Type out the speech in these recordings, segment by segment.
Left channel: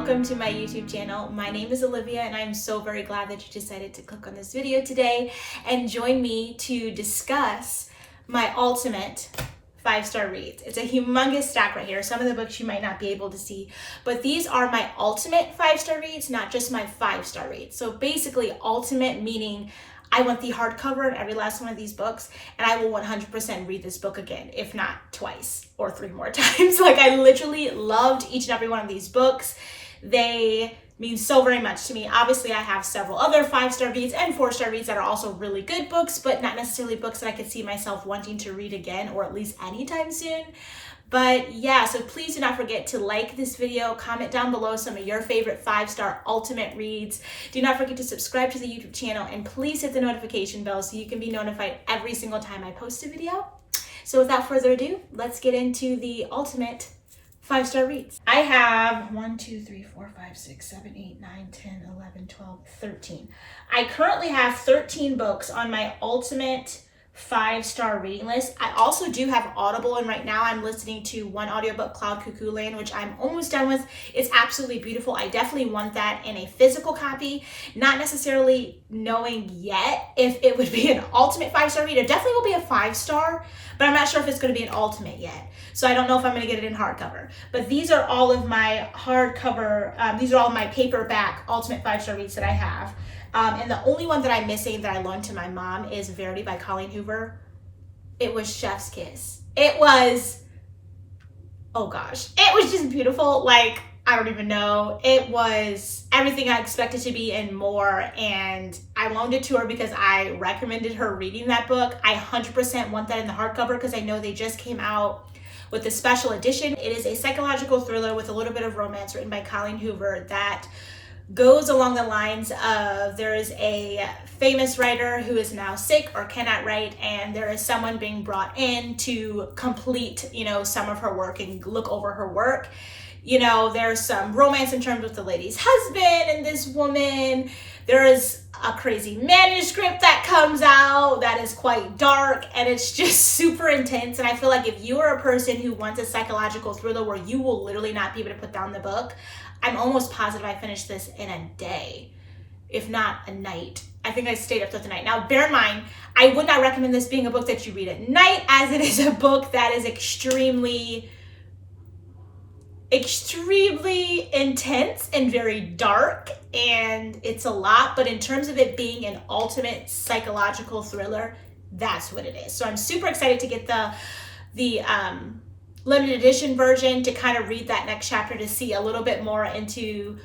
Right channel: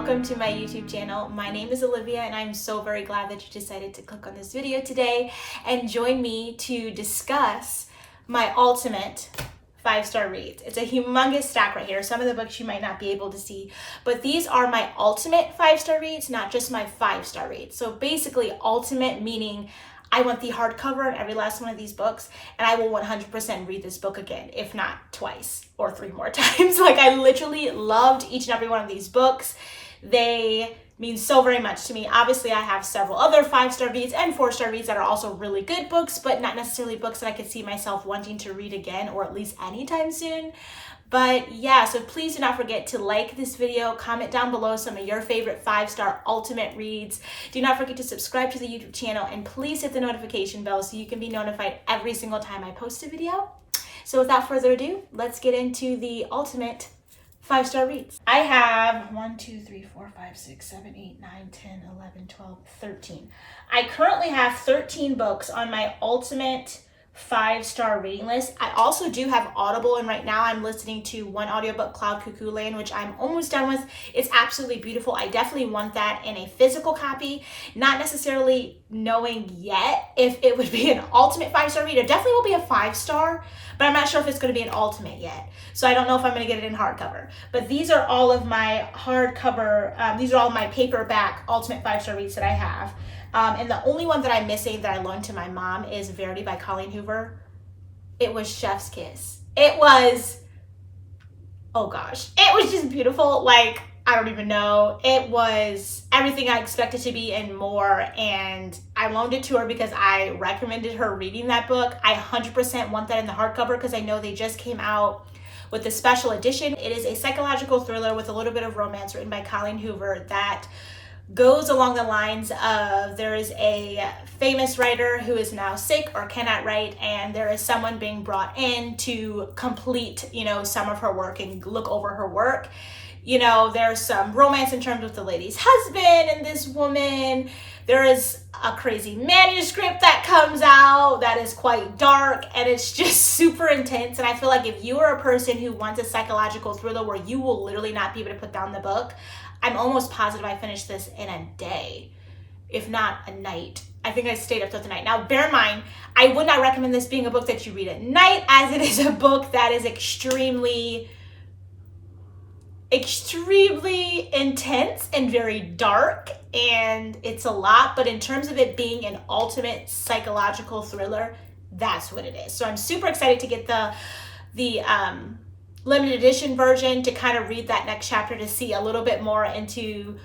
welcome to my YouTube channel. My name is Olivia and I'm so very glad that you decided to click on this video today and join me to discuss my ultimate 5-star reads. It's a humongous stack right here. Some of the books you might not be able to see, but these are my ultimate 5-star reads, not just my 5-star reads. So basically ultimate meaning I want the hardcover of every last one of these books, and I will 100% read this book again, if not twice or 3 more times. Like, I literally loved each and every one of these books. They mean so very much to me. Obviously, I have several other 5-star reads and 4-star reads that are also really good books, but not necessarily books that I could see myself wanting to read again, or at least anytime soon. But yeah, so please do not forget to like this video, comment down below some of your favorite 5-star ultimate reads. Do not forget to subscribe to the YouTube channel, and please hit the notification bell so you can be notified every single time I post a video. So without further ado, let's get into the ultimate 5-star reads. I have 1, 2, 3, 4, 5, 6, 7, 8, 9, 10, 11, 12, 13. I currently have 13 books on my ultimate 5-star reading list. I also do have Audible, and right now I'm listening to one audiobook, Cloud Cuckoo Land, which I'm almost done with. It's absolutely beautiful. I definitely want that in a physical copy, not necessarily knowing yet if it would be an ultimate 5-star read. It definitely will be a 5-star, but I'm not sure if it's going to be an ultimate yet. So I don't know if I'm going to get it in hardcover. But these are all of my hardcover, these are all my paperback ultimate 5-star reads that I have. And the only one that I'm missing that I loaned to my mom is Verity by Colleen Hoover. It was Chef's Kiss. It was, oh gosh, it was just beautiful. Like, I don't even know. It was everything I expected to be and more. And I loaned it to her because I recommended her reading that book. I 100% want that in the hardcover because I know they just came out with the special edition. It is a psychological thriller with a little bit of romance written by Colleen Hoover that goes along the lines of, there is a famous writer who is now sick or cannot write, and there is someone being brought in to complete, some of her work and look over her work. There's some romance in terms of the lady's husband and this woman. There is a crazy manuscript that comes out that is quite dark, and it's just super intense. And I feel like if you are a person who wants a psychological thriller where you will literally not be able to put down the book, I'm almost positive I finished this in a day, if not a night. I think I stayed up through the night. Now, bear in mind, I would not recommend this being a book that you read at night, as it is a book that is extremely intense and very dark, and it's a lot. But in terms of it being an ultimate psychological thriller, that's what it is. So I'm super excited to get the limited edition version to kind of read that next chapter to see a little bit more into,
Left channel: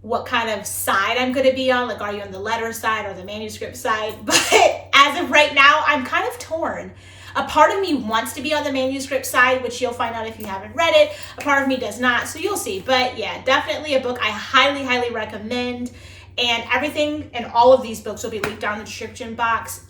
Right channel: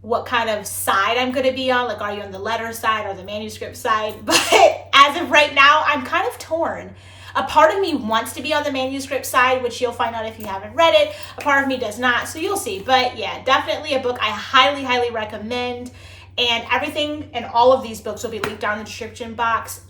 what kind of side I'm going to be on. Like, are you on the letter side or the manuscript side? But as of right now, I'm kind of torn. A part of me wants to be on the manuscript side, which you'll find out if you haven't read it. A part of me does not, so you'll see. But yeah, definitely a book I highly, highly recommend. And everything and all of these books will be linked down in the description box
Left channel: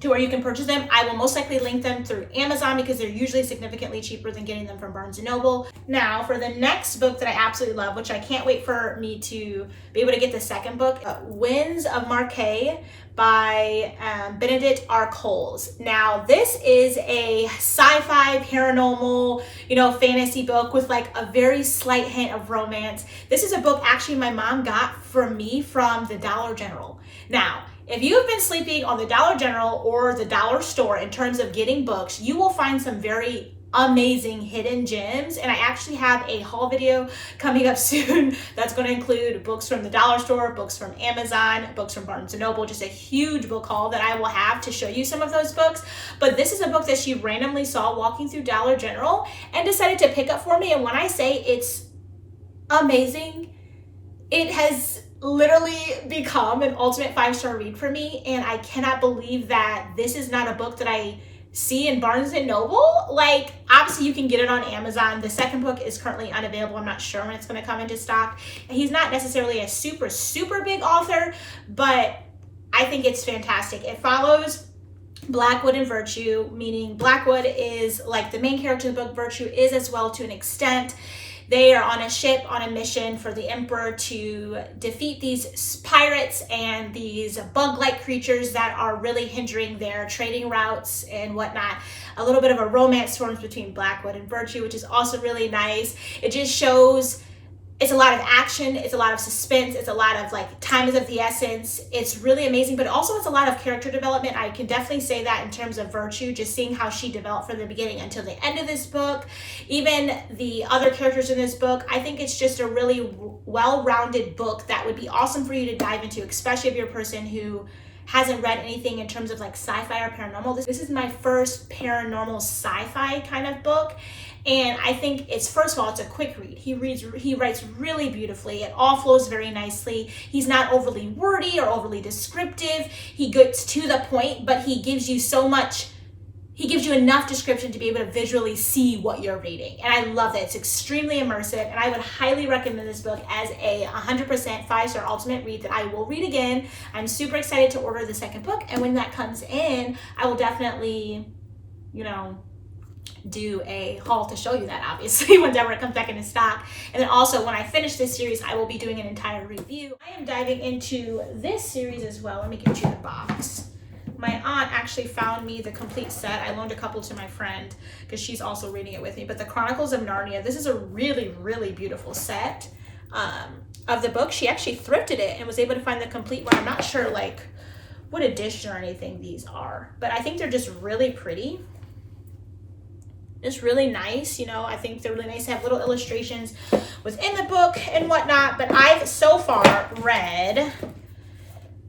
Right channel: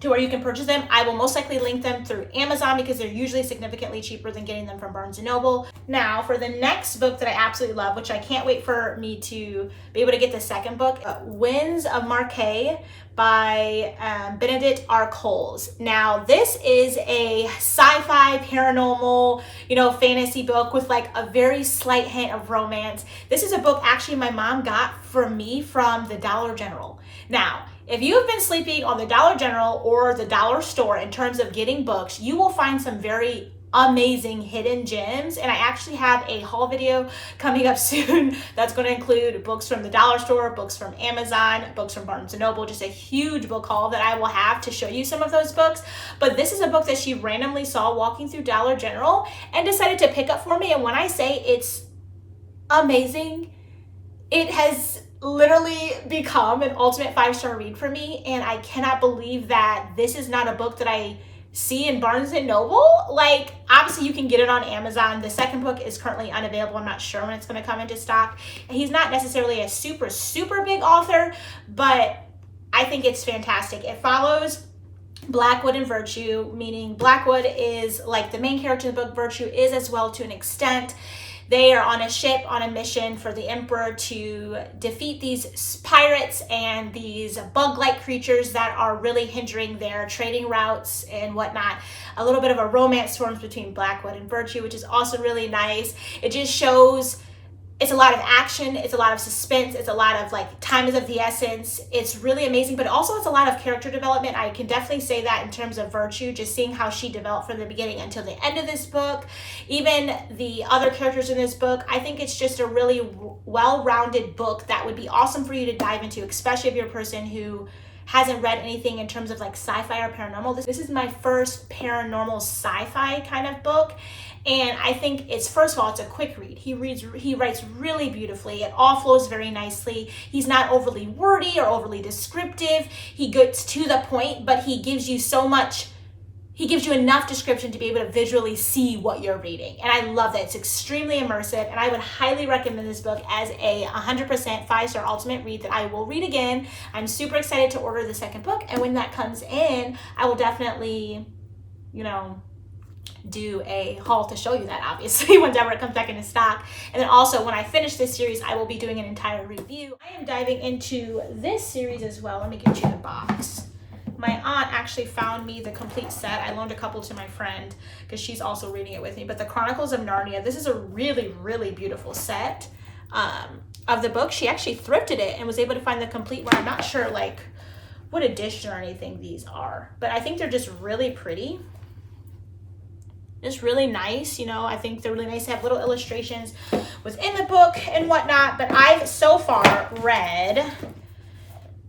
to where you can purchase them. I will most likely link them through Amazon because they're usually significantly cheaper than getting them from Barnes & Noble. Now, for the next book that I absolutely love, which I can't wait for me to be able to get the second book, Winds of Marquet by Benedict R. Coles. Now, this is a sci-fi, paranormal, fantasy book with like a very slight hint of romance. This is a book actually my mom got for me from the Dollar General. Now, if you have been sleeping on the Dollar General or the dollar store in terms of getting books, you will find some very amazing hidden gems. And I actually have a haul video coming up soon that's going to include books from the dollar store, books from Amazon, books from Barnes & Noble, just a huge book haul that I will have to show you some of those books. But this is a book that she randomly saw walking through Dollar General and decided to pick up for me. And when I say it's amazing, it has literally become an ultimate 5-star read for me. And I cannot believe that this is not a book that I see in Barnes & Noble. Like, obviously you can get it on Amazon. The second book is currently unavailable. I'm not sure when it's going to come into stock. And he's not necessarily a super, super big author, but I think it's fantastic. It follows Blackwood and Virtue, meaning Blackwood is like the main character of the book. Virtue is as well to an extent. They are on a ship on a mission for the Emperor to defeat these pirates and these bug-like creatures that are really hindering their trading routes and whatnot. A little bit of a romance forms between Blackwood and Virtue, which is also really nice. It just shows It's a lot of action, it's a lot of suspense, it's a lot of like time is of the essence. It's really amazing, but also it's a lot of character development. I can definitely say that in terms of Virtue, just seeing how she developed from the beginning until the end of this book, even the other characters in this book. I think it's just a really well-rounded book that would be awesome for you to dive into, especially if you're a person who hasn't read anything in terms of like sci-fi or paranormal. This is my first paranormal sci-fi kind of book. And I think it's, first of all, it's a quick read. He writes really beautifully. It all flows very nicely. He's not overly wordy or overly descriptive. He gets to the point, but he gives you so much, he gives you enough description to be able to visually see what you're reading. And I love that. It's extremely immersive, and I would highly recommend this book as a 100% 5-star ultimate read that I will read again. I'm super excited to order the second book, and when that comes in, I will definitely, do a haul to show you that, obviously, whenever it comes back into stock. And then also, when I finish this series, I will be doing an entire review. I am diving into this series as well. Let me get you the box. My aunt actually found me the complete set. I loaned a couple to my friend because she's also reading it with me. But the Chronicles of Narnia, this is a really, really beautiful set of the book. She actually thrifted it and was able to find the complete one. I'm not sure like what edition or anything these are, but I think they're just really pretty. Just really nice, I think they're really nice to have little illustrations within the book and whatnot. But I've so far read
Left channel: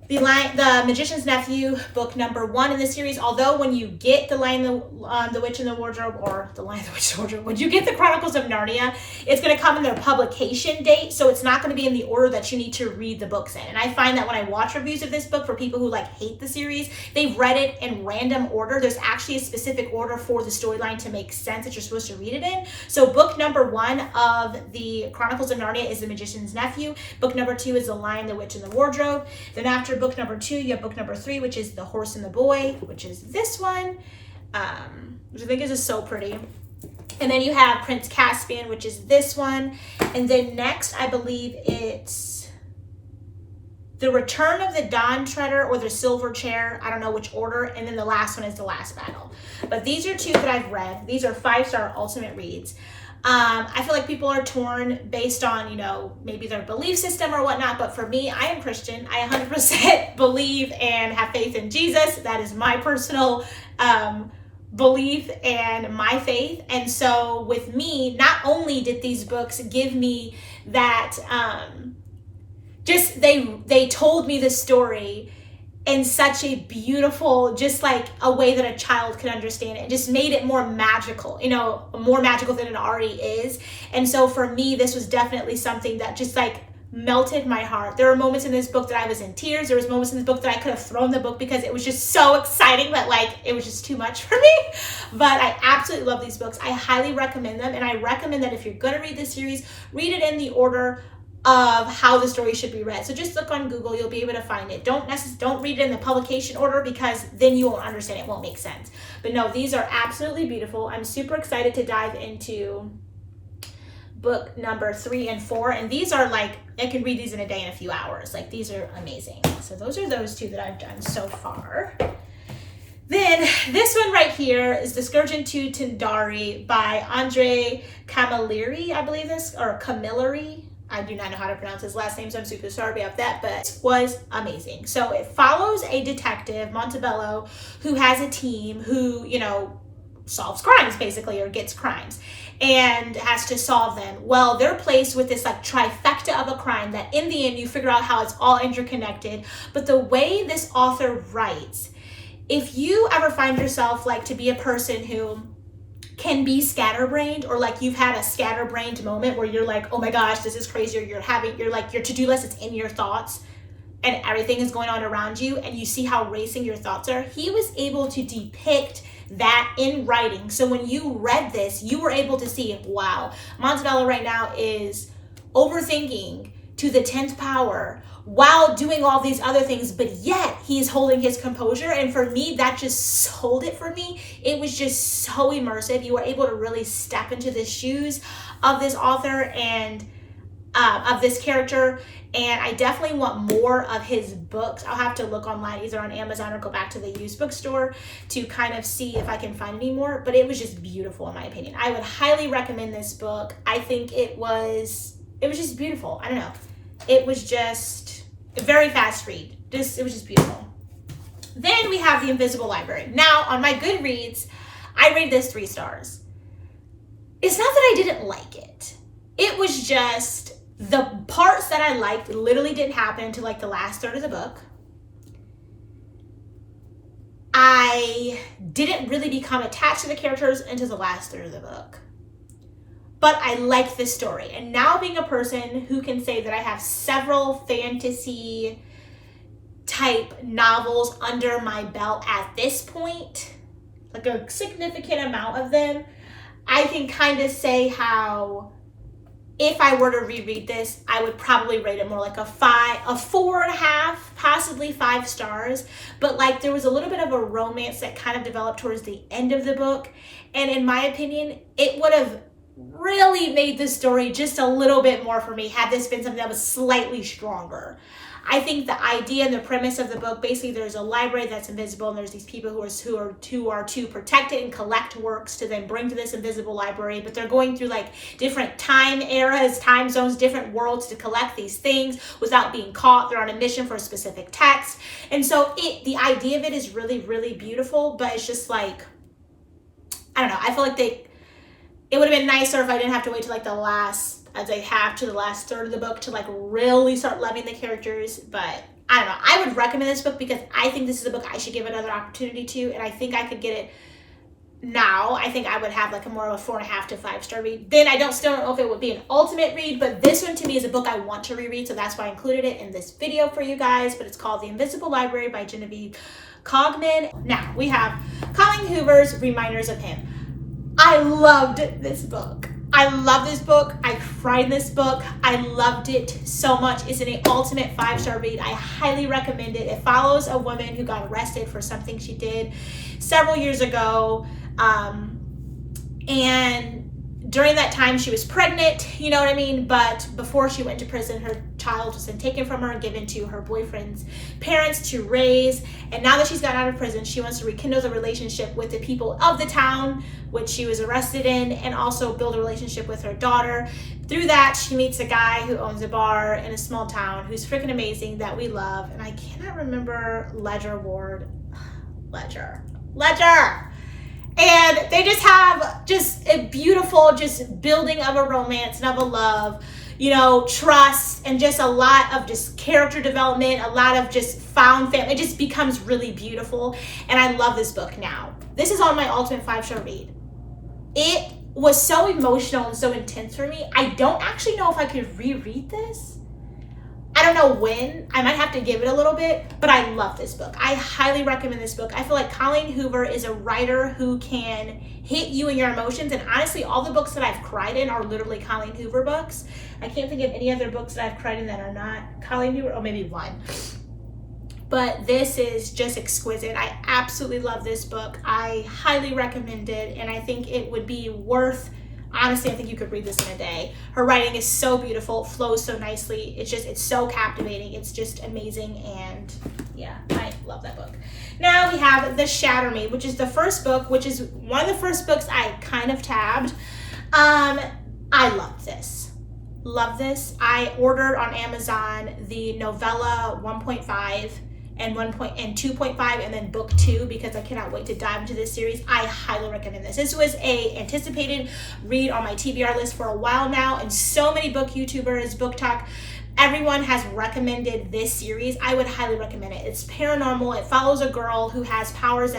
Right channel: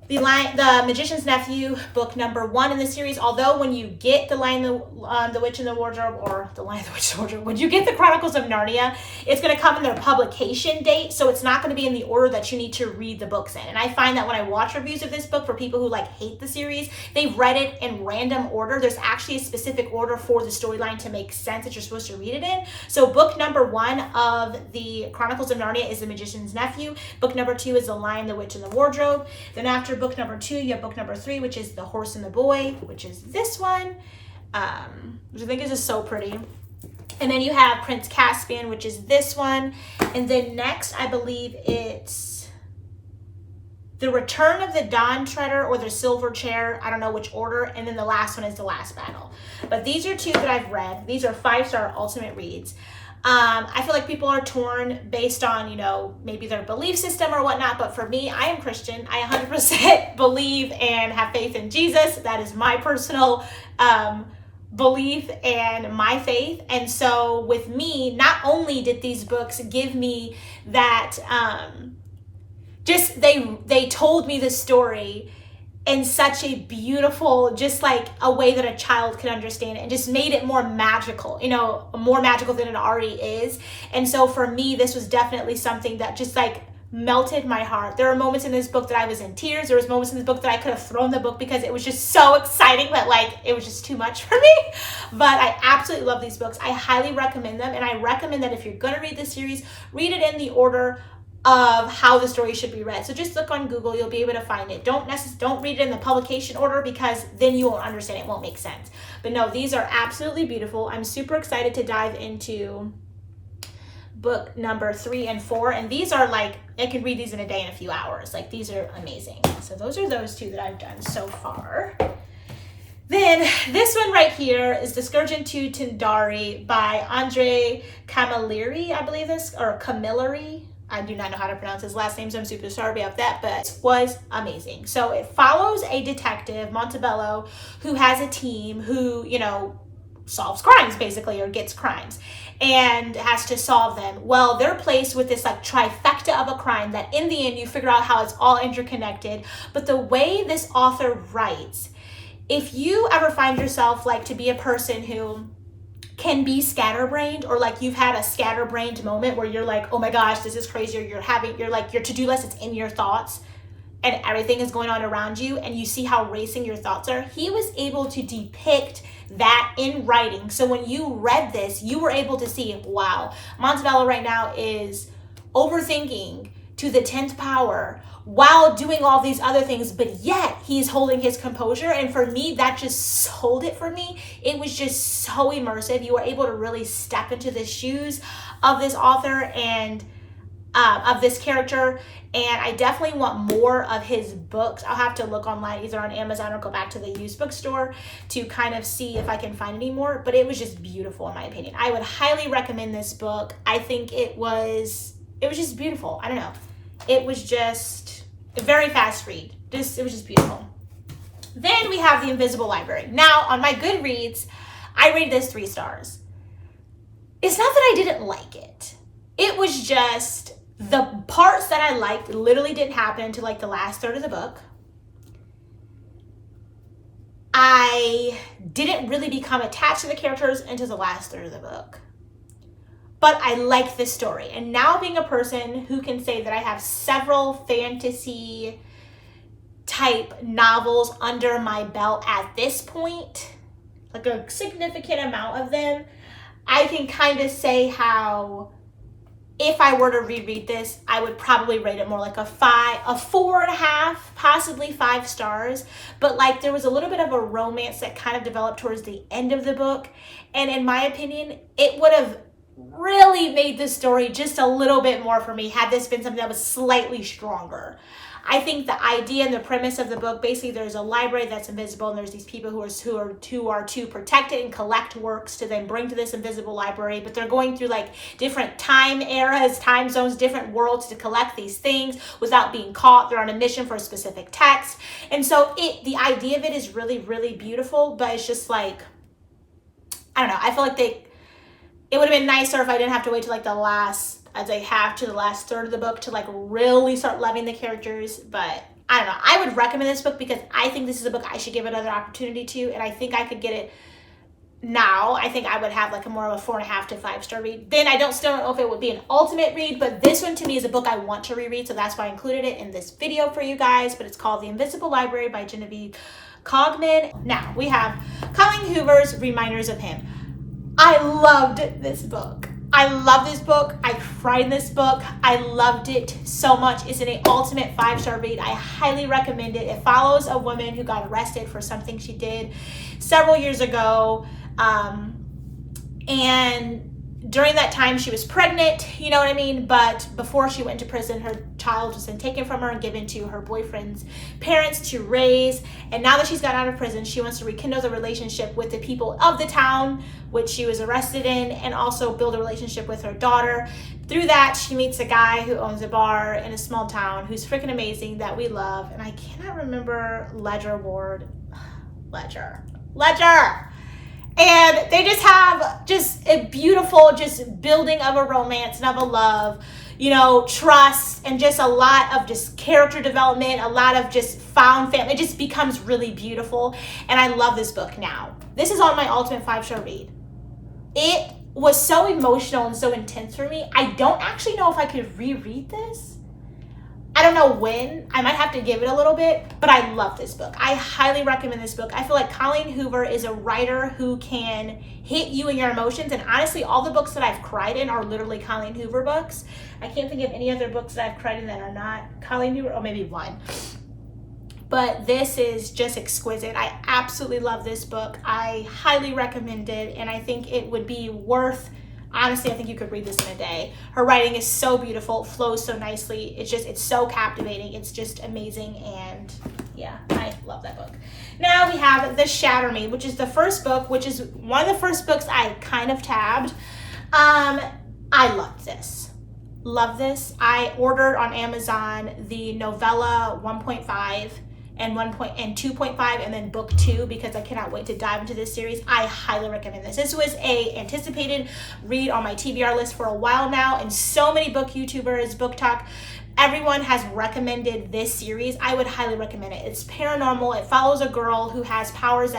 The Magician's Nephew, book number 1 in the series. Although when you get The Lion, the Witch and the Wardrobe, or The Lion, the Witch, and the Wardrobe, when you get the Chronicles of Narnia, it's going to come in their publication date, so it's not going to be in the order that you need to read the books in. And I find that when I watch reviews of this book for people who like hate the series, they've read it in random order. There's actually a specific order for the storyline to make sense that you're supposed to read it in. So book number 1 of the Chronicles of Narnia is The Magician's Nephew. Book number 2 is The Lion, the Witch, and the Wardrobe. Then after book number 2, you have book number 3, which is The Horse and the Boy, which is this one, which I think is just so pretty. And then you have Prince Caspian, which is this one. And then next, I believe it's The Return of the Dawn Treader or The Silver Chair. I don't know which order. And then the last one is The Last Battle. But these are 2 that I've read. These are 5-star ultimate reads. I feel like people are torn based on, maybe their belief system or whatnot. But for me, I am Christian. I 100% believe and have faith in Jesus. That is my personal belief and my faith. And so with me, not only did these books give me that, they told me the story in such a beautiful, just like a way that a child could understand it, and just made it more magical, more magical than it already is. And so for me, this was definitely something that just like melted my heart. There were moments in this book that I was in tears. There was moments in this book that I could have thrown the book because it was just so exciting that like it was just too much for me. But I absolutely love these books. I highly recommend them, and I recommend that if you're going to read this series, read it in the order of how the story should be read. So just look on Google, you'll be able to find it. Don't read it in the publication order, because then you won't understand, it won't make sense. But no, these are absolutely beautiful. I'm super excited to dive into book number 3 and 4, and these are like, I could read these in a day in a few hours. Like, these are amazing. So those are those 2 that I've done so far. Then this one right here is The Scourge to Tindari by Andre Camilleri, I believe this, or Camilleri. I do not know how to pronounce his last name, so I'm super sorry about that, but it was amazing. So it follows a detective, Montebello, who has a team who, solves crimes, basically, or gets crimes, and has to solve them. Well, they're placed with this like trifecta of a crime that in the end you figure out how it's all interconnected. But the way this author writes, if you ever find yourself like to be a person who can be scatterbrained, or like you've had a scatterbrained moment where you're like, oh my gosh, this is crazy, or you're like your to-do list is in your thoughts and everything is going on around you, and you see how racing your thoughts are. He was able to depict that in writing. So when you read this, you were able to see, wow, Montebello right now is overthinking to the 10th power while doing all these other things, but yet he's holding his composure. And for me, that just sold it for me. It was just so immersive. You were able to really step into the shoes of this author and of this character. And I definitely want more of his books. I'll have to look online, either on Amazon or go back to the used bookstore to kind of see if I can find any more. But it was just beautiful, in my opinion. I would highly recommend this book. I think it was it was just beautiful. I don't know. It was just a very fast read. It was just beautiful. Then we have The Invisible Library. Now, on my Goodreads, I rated this 3 stars. It's not that I didn't like it. It was just the parts that I liked literally didn't happen until like the last third of the book. I didn't really become attached to the characters until the last third of the book. But I like the story. And now being a person who can say that I have several fantasy type novels under my belt at this point, like a significant amount of them, I can kind of say how if I were to reread this, I would probably rate it more like a 4.5, possibly 5 stars. But like there was a little bit of a romance that kind of developed towards the end of the book. And in my opinion, it would have really made the story just a little bit more for me had this been something that was slightly stronger. I think the idea and the premise of the book, basically there's a library that's invisible and there's these people who are to protect it and collect works to then bring to this invisible library, but they're going through like different time eras, time zones, different worlds to collect these things without being caught. They're on a mission for a specific text. And so the idea of it is really, really beautiful, but it's just like, I don't know, I feel like it would have been nicer if I didn't have to wait till like the last third of the book to like really start loving the characters. But I don't know, I would recommend this book because I think this is a book I should give another opportunity to, and I think I could get it now. I think I would have like a more of a 4.5 to 5 star read. Then I still don't know if it would be an ultimate read, but this one to me is a book I want to reread, so that's why I included it in this video for you guys. But it's called The Invisible Library by Genevieve Cogman. Now we have Colleen Hoover's Reminders of Him. I loved this book. I love this book. I cried in this book. I loved it so much. It's an ultimate 5-star read. I highly recommend it. It follows a woman who got arrested for something she did several years ago. And during that time, she was pregnant, you know what I mean? But before she went to prison, her child was then taken from her and given to her boyfriend's parents to raise. And now that she's got out of prison, she wants to rekindle the relationship with the people of the town which she was arrested in, and also build a relationship with her daughter. Through that, she meets a guy who owns a bar in a small town who's freaking amazing, that we love. And I cannot remember Ledger. And they just have just a beautiful just building of a romance and of a love, you know, trust, and just a lot of just character development, a lot of just found family. It just becomes really beautiful. And I love this book now. This is on my ultimate 5-star read. It was so emotional and so intense for me. I don't actually know if I could reread this. I don't know when. I might have to give it a little bit, but I love this book. I highly recommend this book. I feel like Colleen Hoover is a writer who can hit you in your emotions. And honestly, all the books that I've cried in are literally Colleen Hoover books. I can't think of any other books that I've cried in that are not Colleen Hoover, or maybe one. But this is just exquisite. I absolutely love this book. I highly recommend it, and I think it would be worth, honestly, I think you could read this in a day. Her writing is so beautiful, flows so nicely. It's so captivating. It's just amazing, and yeah, I love that book. Now we have The Shatter Me, which is the first book, which is one of the first books I kind of tabbed. I love this. Love this. I ordered on Amazon the novella 1.5 and 2.5, and then book 2, because I cannot wait to dive into this series. I highly recommend this. This was a anticipated read on my TBR list for a while now, and so many book YouTubers, book talk, everyone has recommended this series. I would highly recommend it. It's paranormal. It follows a girl who has powers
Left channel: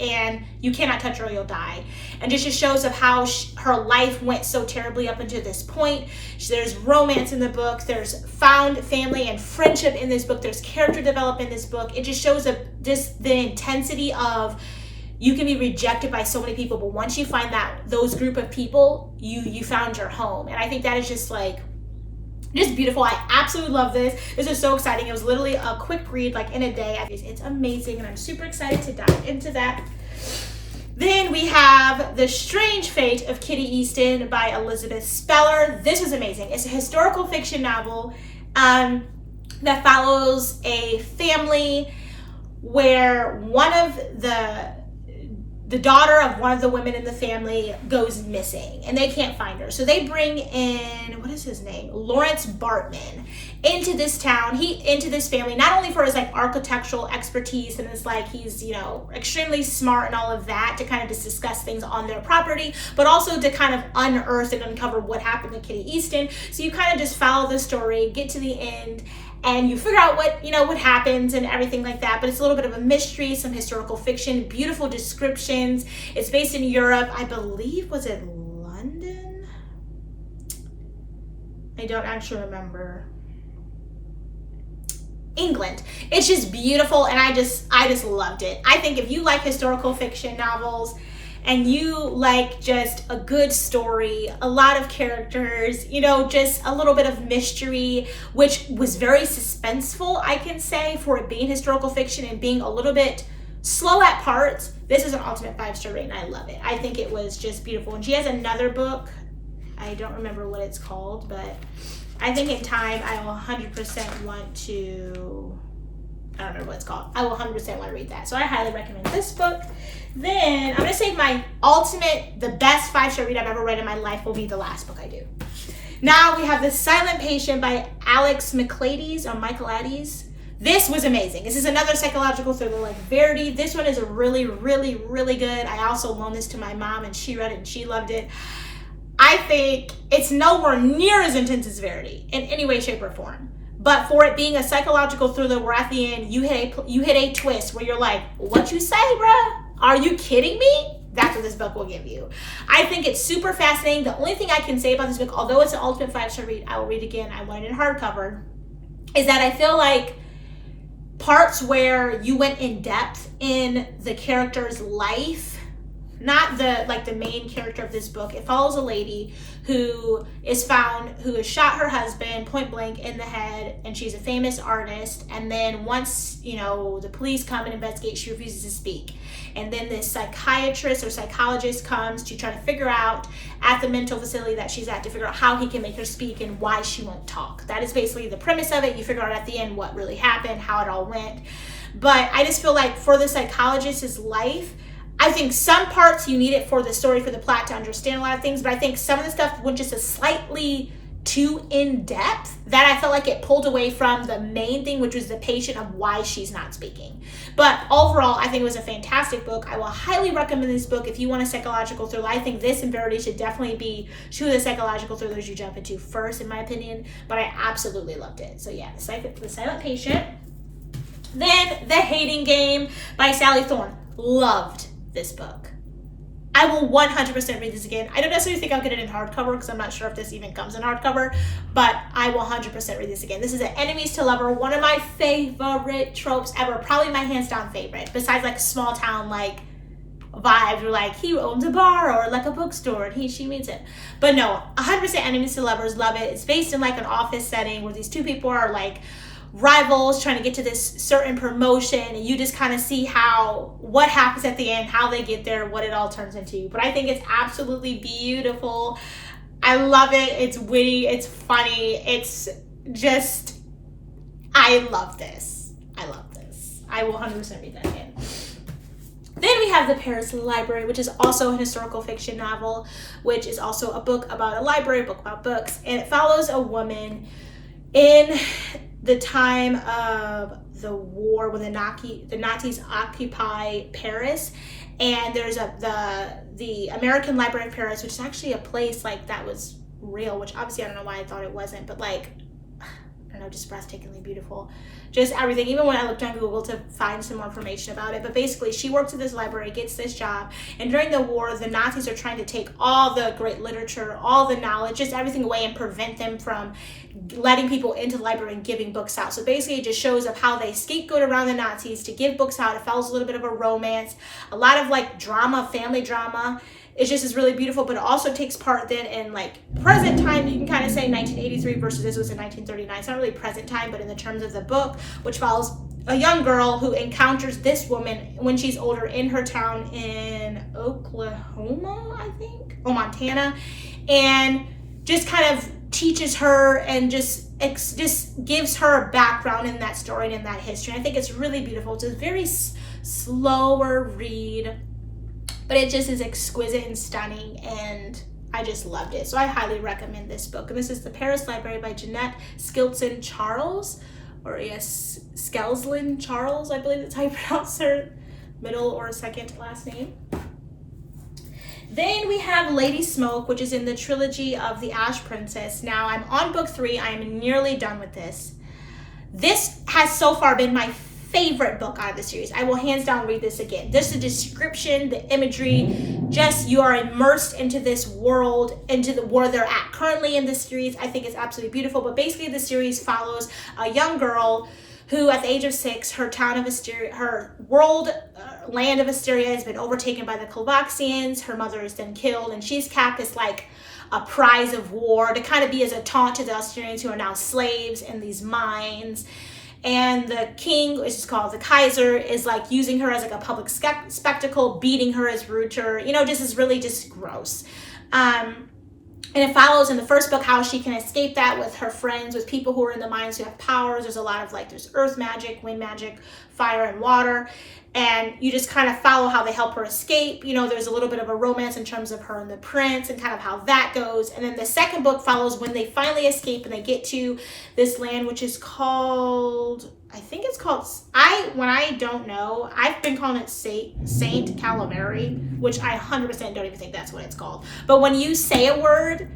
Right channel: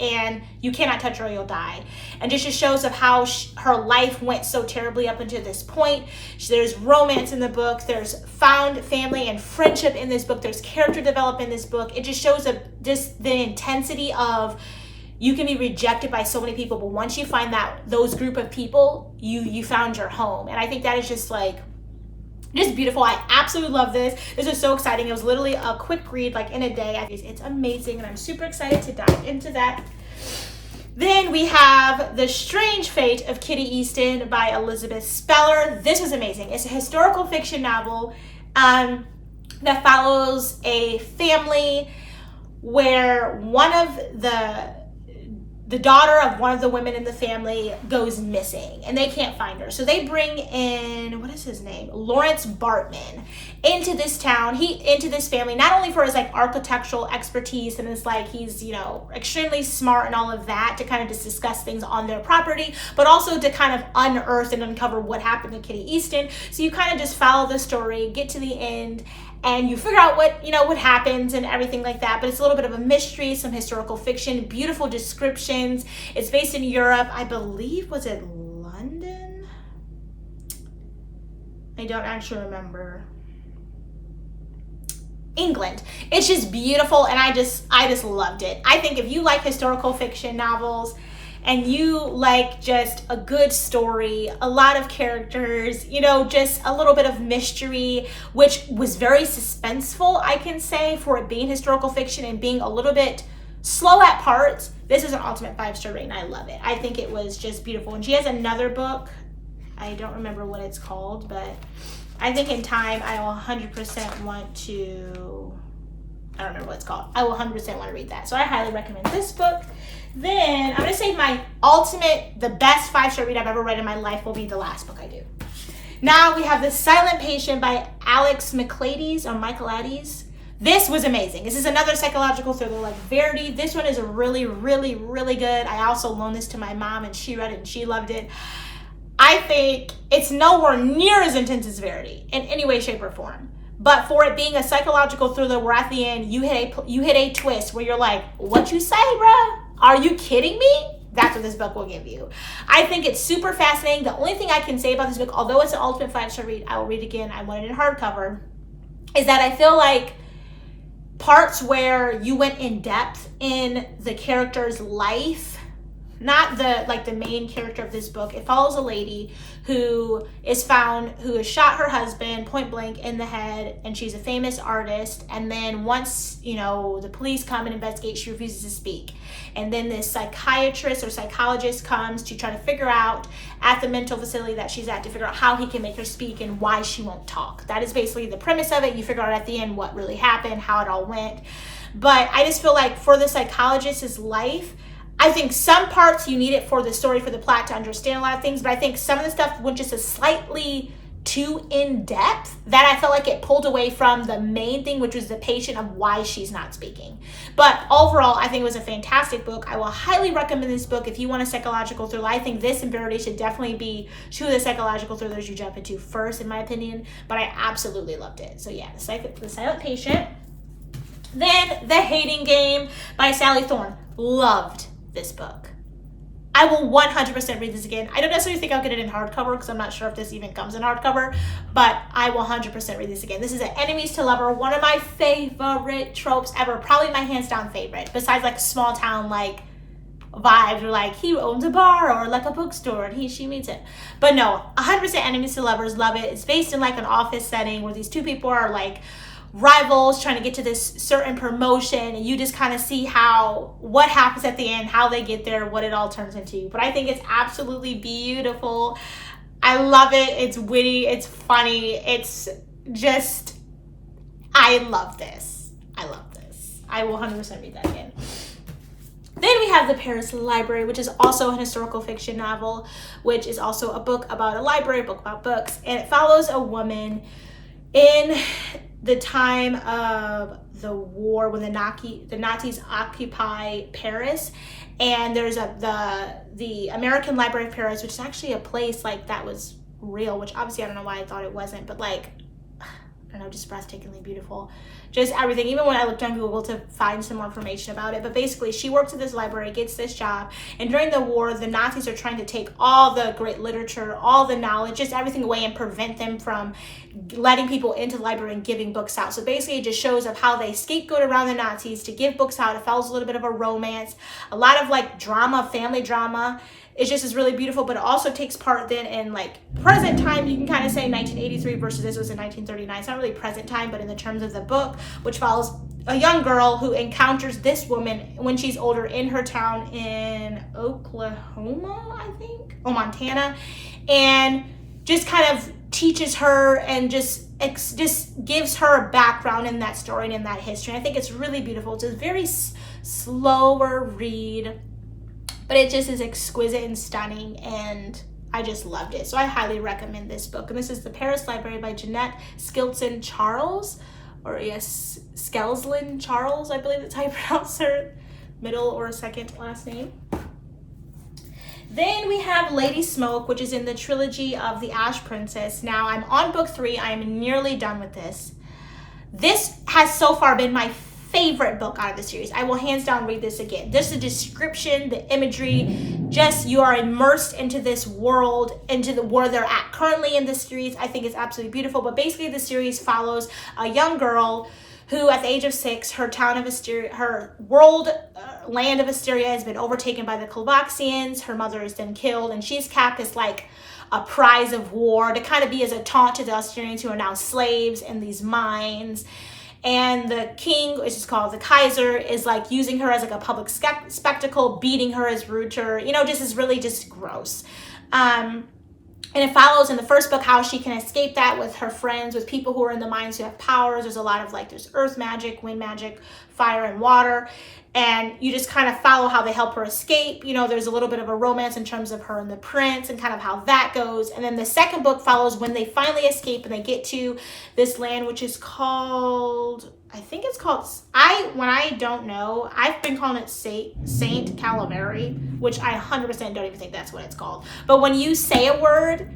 and you cannot touch her or you'll die. And just shows of how her life went so terribly up until this point. There's romance in the book. There's found family and friendship in this book. There's character development in this book. It just shows the intensity of, you can be rejected by so many people, but once you find those group of people, you found your home. And I think that is just like, just beautiful. I absolutely love this. This is so exciting. It was literally a quick read, like in a day. It's amazing, and I'm super excited to dive into that. Then we have The Strange Fate of Kitty Easton by Elizabeth Speller. This was amazing. It's a historical fiction novel that follows a family where one of the the daughter of one of the women in the family goes missing and they can't find her. So they bring in, what is his name? Lawrence Bartman into this town, into this family, not only for his like architectural expertise and it's like he's, you know, extremely smart and all of that to kind of just discuss things on their property, but also to kind of unearth and uncover what happened to Kitty Easton. So you kind of just follow the story, get to the end, and you figure out what, you know, what happens and everything like that. But it's a little bit of a mystery, some historical fiction, beautiful descriptions. It's based in Europe. I believe, was it London? I don't actually remember. England. It's just beautiful, and I just loved it. I think if you like historical fiction novels and you like just a good story, a lot of characters, you know, just a little bit of mystery, which was very suspenseful, I can say, for it being historical fiction and being a little bit slow at parts, this is an ultimate 5-star rating. I love it. I think it was just beautiful. And she has another book. I don't remember what it's called, but I think in time I will 100% want to, I don't remember what it's called. I will 100% want to read that. So I highly recommend this book. Then I'm going to say my ultimate, the best 5-star read I've ever read in my life will be the last book I do. Now we have The Silent Patient by Alex Michaelides. This was amazing. This is another psychological thriller like Verity. This one is a really, really, really good. I also loaned this to my mom and she read it and she loved it. I think it's nowhere near as intense as Verity in any way, shape, or form. But for it being a psychological thriller where at the end you hit a twist where you're like, what you say, bruh? Are you kidding me? That's what this book will give you. I think it's super fascinating. The only thing I can say about this book, although it's an ultimate 5-star read, I will read again, I want it in hardcover, is that I feel like parts where you went in depth in the character's life, not the main character of this book. It follows a lady who is found, who has shot her husband point blank in the head, and she's a famous artist. And then once, you know, the police come and investigate, she refuses to speak. And then this psychiatrist or psychologist comes to try to figure out at the mental facility that she's at, to figure out how he can make her speak and why she won't talk. That is basically the premise of it. You figure out at the end what really happened, how it all went. But I just feel like for the psychologist's life, I think some parts you need it for the story, for the plot, to understand a lot of things, but I think some of the stuff went just a slightly too in-depth that I felt like it pulled away from the main thing, which was the patient of why she's not speaking. But overall, I think it was a fantastic book. I will highly recommend this book if you want a psychological thriller. I think this and Verity should definitely be two of the psychological thrillers you jump into first, in my opinion, but I absolutely loved it. So yeah, The Silent Patient. Then The Hating Game by Sally Thorne. Loved this book. I will 100% read this again. I don't necessarily think I'll get it in hardcover because I'm not sure if this even comes in hardcover, but I will 100% read this again. This is an enemies to lover, one of my favorite tropes ever, probably my hands down favorite, besides like small town like vibes or like he owns a bar or like a bookstore and she meets it. But no, 100% enemies to lovers, love it. It's based in like an office setting where these two people are like rivals trying to get to this certain promotion, and you just kind of see what happens at the end, how they get there, what it all turns into. But I think it's absolutely beautiful. I love it. It's witty, it's funny, it's just, I love this. I will 100% read that again. Then we have The Paris Library, which is also an historical fiction novel, which is also a book about a library, a book about books, and it follows a woman in the time of the war when the Nazis occupy Paris, and there's the American Library of Paris, which is actually a place like that was real, which obviously I don't know why I thought it wasn't, but like, I don't know, just breathtakingly beautiful. Just everything, even when I looked on Google to find some more information about it. But basically, she works at this library, gets this job, and during the war, the Nazis are trying to take all the great literature, all the knowledge, just everything away and prevent them from letting people into the library and giving books out. So basically, it just shows of how they scapegoat around the Nazis to give books out. It follows a little bit of a romance, a lot of like drama, family drama. It just is really beautiful, but it also takes part then in like present time. You can kind of say 1983 versus this was in 1939. It's not really present time, but in the terms of the book, which follows a young girl who encounters this woman when she's older in her town in Oklahoma, I think, or Montana, and just kind of teaches her and just gives her a background in that story and in that history. I think it's really beautiful. It's a very slower read. but it just is exquisite and stunning, and I just loved it. So I highly recommend this book. And this is The Paris Library by Jeanette Skilton Charles, or Skelsland Charles, I believe that's how you pronounce her middle or second last name. Then we have Lady Smoke, which is in the trilogy of The Ash Princess. Now I'm on book 3. I am nearly done with this. This has so far been my favorite book out of the series. I will hands down read this again. Just the description, the imagery, just you are immersed into this world, into the where they're at currently in the series. I think it's absolutely beautiful. But basically the series follows a young girl who at the age of 6, her town of Asteria, her world, land of Asteria has been overtaken by the Kalvaxians. Her mother is then killed, and she's capped as like a prize of war to kind of be as a taunt to the Asterians who are now slaves in these mines. And the king, which is called the Kaiser, is like using her as like a public spectacle, beating her as Rooter. You know, just is really just gross. And it follows in the first book how she can escape that with her friends, with people who are in the mines who have powers. There's a lot of like, there's earth magic, wind magic, fire and water. And you just kind of follow how they help her escape. You know, there's a little bit of a romance in terms of her and the prince and kind of how that goes. And then the second book follows when they finally escape and they get to this land, which is called, I think it's called, when I don't know, I've been calling it Saint Calaveri, which I 100% don't even think that's what it's called. But when you say a word,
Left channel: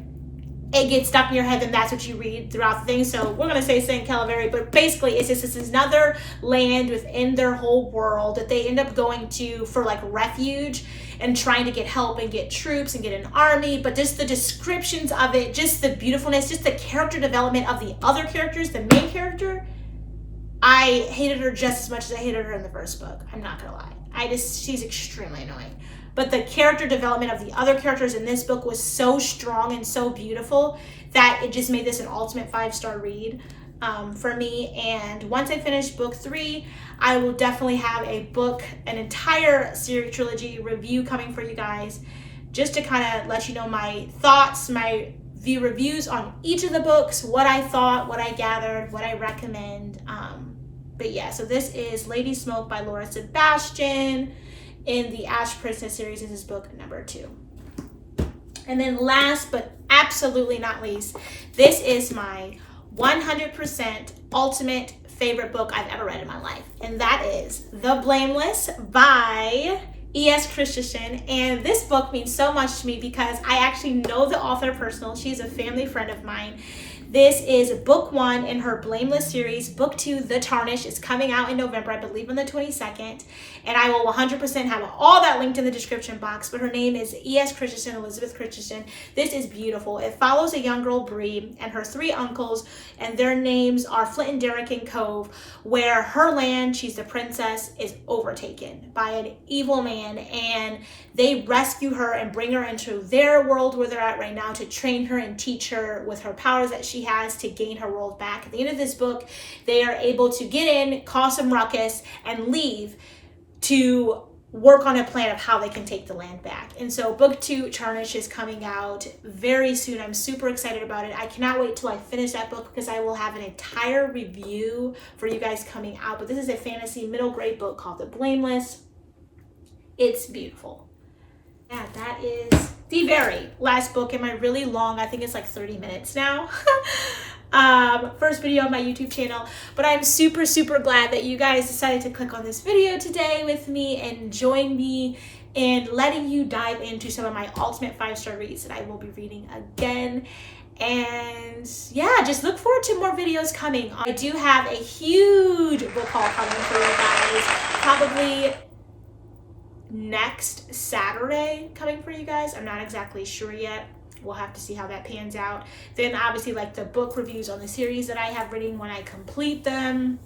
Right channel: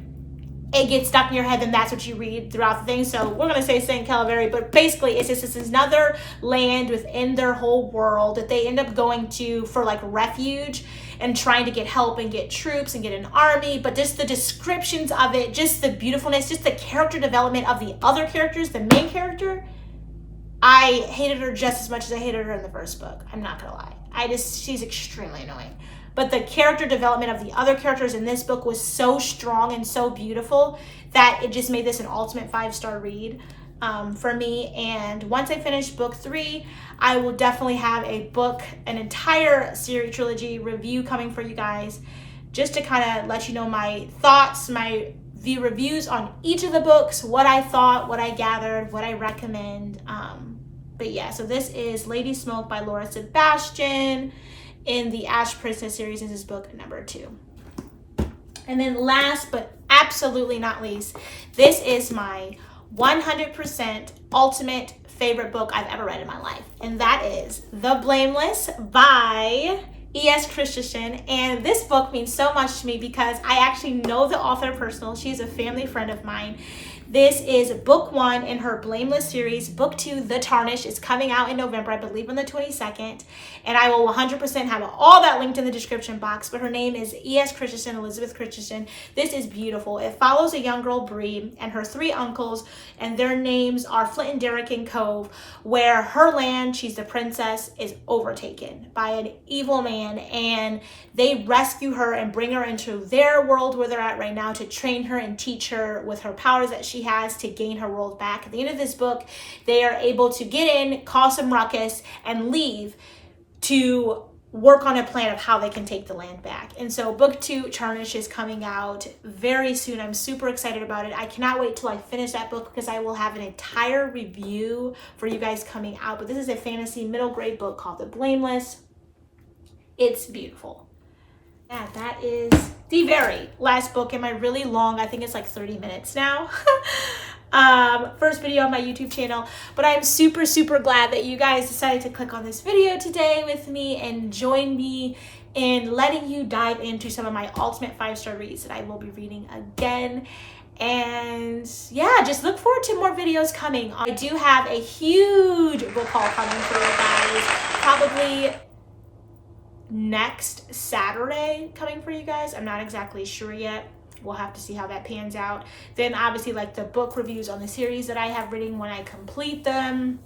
it gets stuck in your head, and that's what you read throughout the thing. So we're going to say St. Calaveri, but basically it's just this another land within their whole world that they end up going to for like refuge and trying to get help and get troops and get an army. But just the descriptions of it, just the beautifulness, just the character development of the other characters, the main character, I hated her just as much as I hated her in the first book. I'm not going to lie. She's extremely annoying. But the character development of the other characters in this book was so strong and so beautiful that it just made this an ultimate 5-star read for me. And once I finish book 3, I will definitely have an entire series trilogy review coming for you guys, just to kind of let you know my thoughts, my reviews on each of the books, what I thought, what I gathered, what I recommend. But yeah, so this is Lady Smoke by Laura Sebastian in the Ash Princess series. This is book number 2. And then last but absolutely not least, this is my 100% ultimate favorite book I've ever read in my life. And that is The Blameless by E.S.Christison. And this book means so much to me because I actually know the author personally. She's a family friend of mine. This is book 1 in her Blameless series. Book 2, The Tarnished, is coming out in November, I believe on the 22nd. And I will 100% have all that linked in the description box. But her name is E.S.Christison, Elizabeth Christison. This is beautiful. It follows a young girl, Bree, and her 3 uncles. And their names are Flint and Derrick and Cove, where her land, she's the princess, is overtaken by an evil man. And they rescue her and bring her into their world where they're at right now to train her and teach her with her powers that she has to gain her world back. At the end of this book, they are able to get in, cause some ruckus, and leave to work on a plan of how they can take the land back. And so book 2, Tarnished, is coming out very soon. I'm super excited about it. I cannot wait till I finish that book because I will have an entire review for you guys coming out. But this is a fantasy middle grade book called The Blameless. It's beautiful. Yeah, that is the very last book in my really long, I think it's like 30 minutes now. First video on my YouTube channel, but I'm super glad that you guys decided to click on this video today with me and join me in letting you dive into some of my ultimate 5-star reads that I will be reading again. And yeah, just look forward to more videos coming. I do have a huge book haul coming for you guys, probably next Saturday coming for you guys. I'm not exactly sure yet. We'll have to see how that pans out. Then obviously like the book reviews on the series that I have written when I complete them.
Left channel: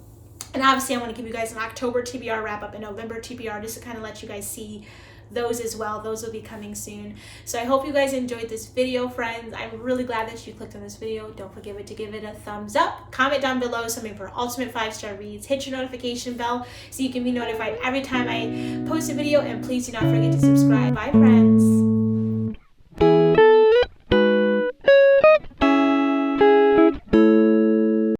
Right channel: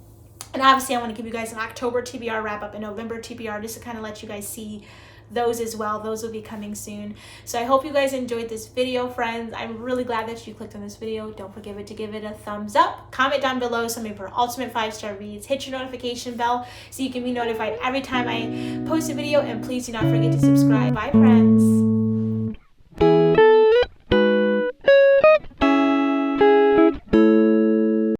And obviously I'm going to give you guys an October TBR wrap up and November TBR just to kind of let you guys see those as well. Those will be coming soon. So I hope you guys enjoyed this video, friends. I'm really glad that you clicked on this video. Don't forget to give it a thumbs up. Comment down below some of your ultimate 5-star reads. Hit your notification bell so you can be notified every time I post a video. And please do not forget to subscribe. Bye, friends.